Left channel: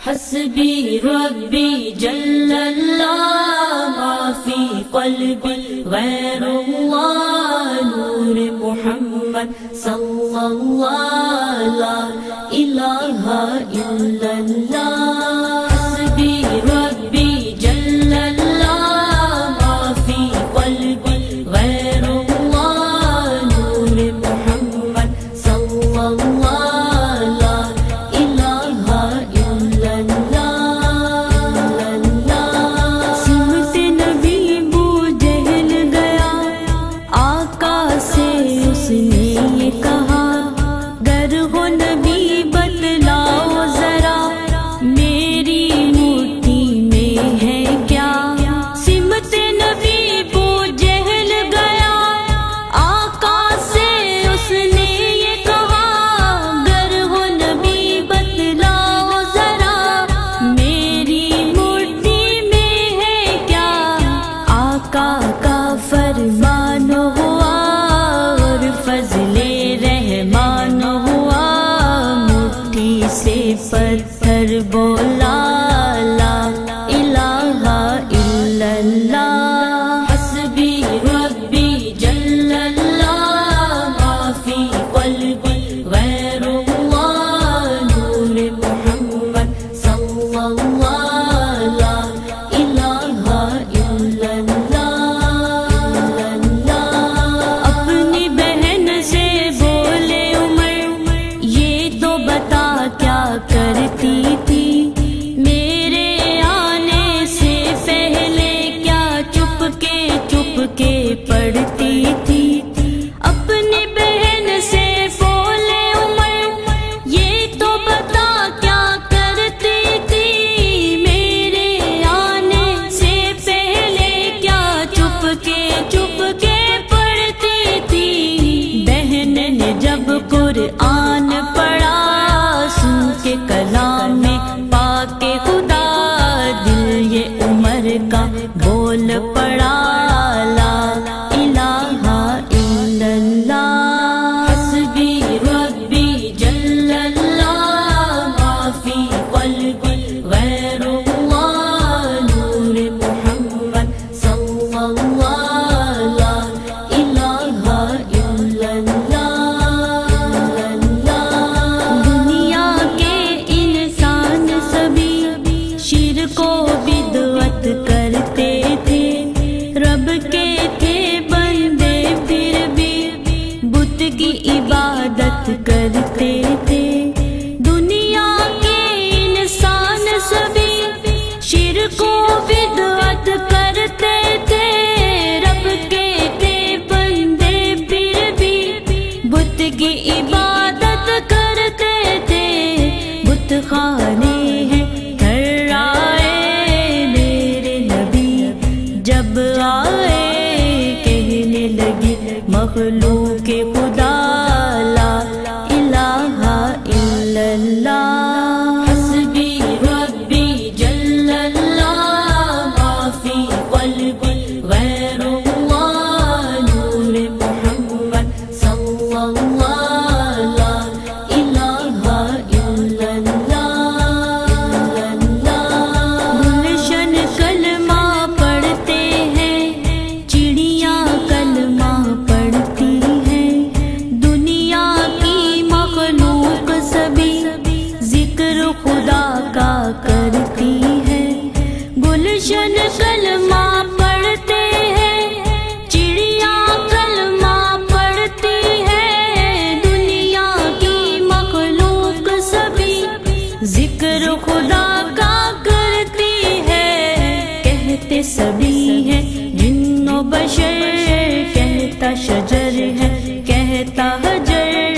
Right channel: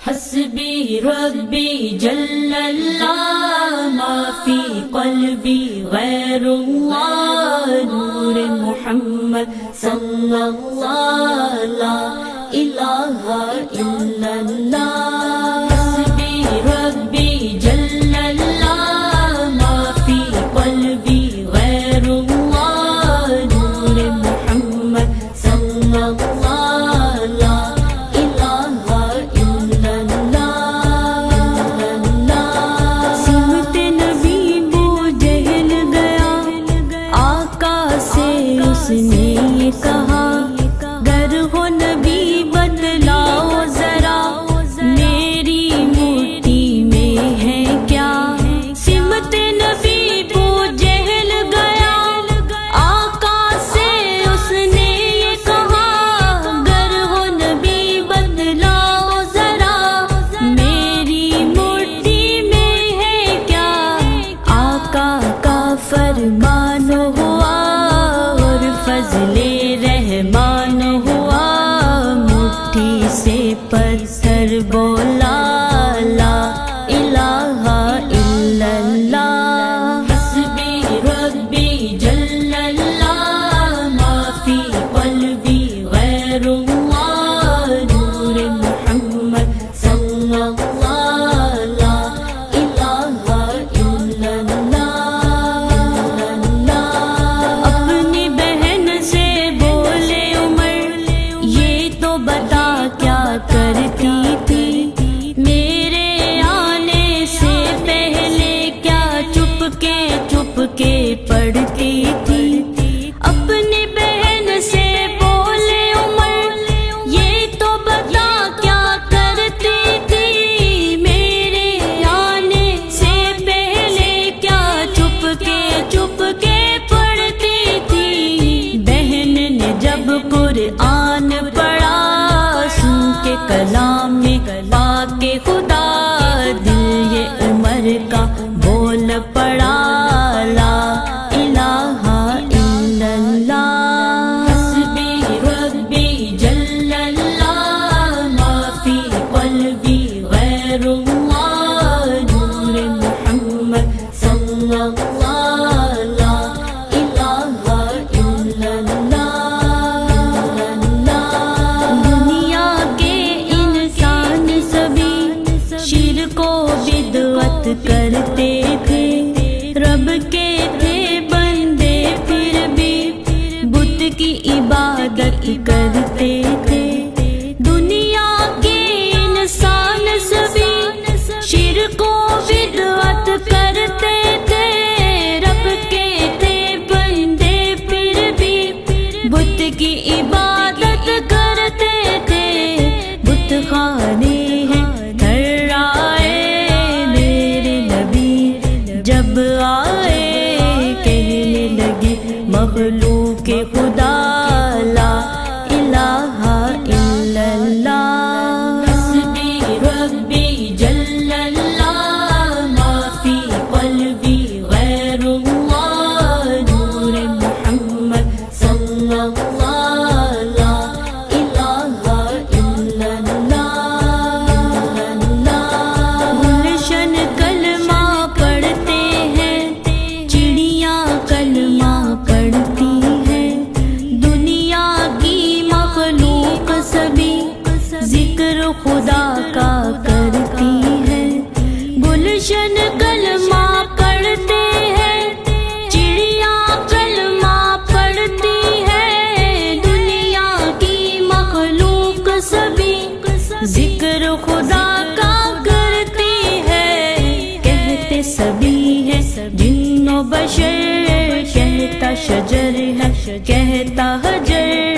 حسبی ربی جل اللہ ما فی قلبی غیر اللہ نور محمد صلی اللہ لا الہ الا اللہ حسبی ربی جل اللہ ما فی قلبی غیر اللہ نور محمد صلی اللہ لا الہ الا اللہ سمت نبی بو جہل گیا آقا سے اس نے یہ کہا گر ہو نبی بتلاؤ ذرا میری مٹھی میں ہے کیا سمت نبی بو جہل گیا آقا سے اس نے یہ کہا گر ہو نبی بتلاؤ ذرا میری مٹھی میں ہے کیا آقا کا فرمان ہوا اور فضل رحمان ہوا مٹھی سے پتھر بولا لا الہ الا اللہ حسبی ربی جل اللہ ما فی قلبی غیر اللہ نور محمد صلی اللہ لا الہ الا اللہ اپنی بہن سے بولے عمر یہ تو بتا کیا کرتی تھی میرے آنے سے پہلے کیا چپ کے پڑھتی تھی اپنی بہن سے بولے عمر یہ تو بتا کیا کرتی تھی میرے آنے سے پہلے کیا چپ کے پڑھتی تھی بہن نے جب قرآن پڑھا سن کے کلام میں پاک خدا دل یہ عمر کا بول پڑا لا الہ الا اللہ حسبی ربی جل اللہ ما فی قلبی غیر اللہ نور محمد صلی اللہ لا الہ الا اللہ دنیا کے انسان سبھی شرک و بدعت کرتے تھے رب کے تھے بندے پھر بھی بت کی عبادت کرتے تھے دنیا کے انسان سبھی شرک و بدعت کرتے تھے رب کے تھے بندے پھر بھی بت کی عبادت کرتے تھے بت خانے ہیں تھرائے میرے نبی جب آئے کہنے لگی مخلوق خدا لا الہ الا اللہ حسبی ربی جل اللہ ما فی قلبی غیر اللہ نور محمد صلی اللہ لا الہ الا اللہ گلشن کلمہ پڑھتے ہیں چڑیاں کلمہ پڑھتی ہیں دنیا کی مخلوق سبھی ذکر خدا کا کرتی ہے گلشن کلمہ پڑھتے ہیں چڑیاں کلمہ پڑھتی ہے دنیا کی مخلوق سبھی ذکر خدا کا کرتی ہے کہتے سبھی ہے جن و بشر کہتا شجر ہے کہتا حجر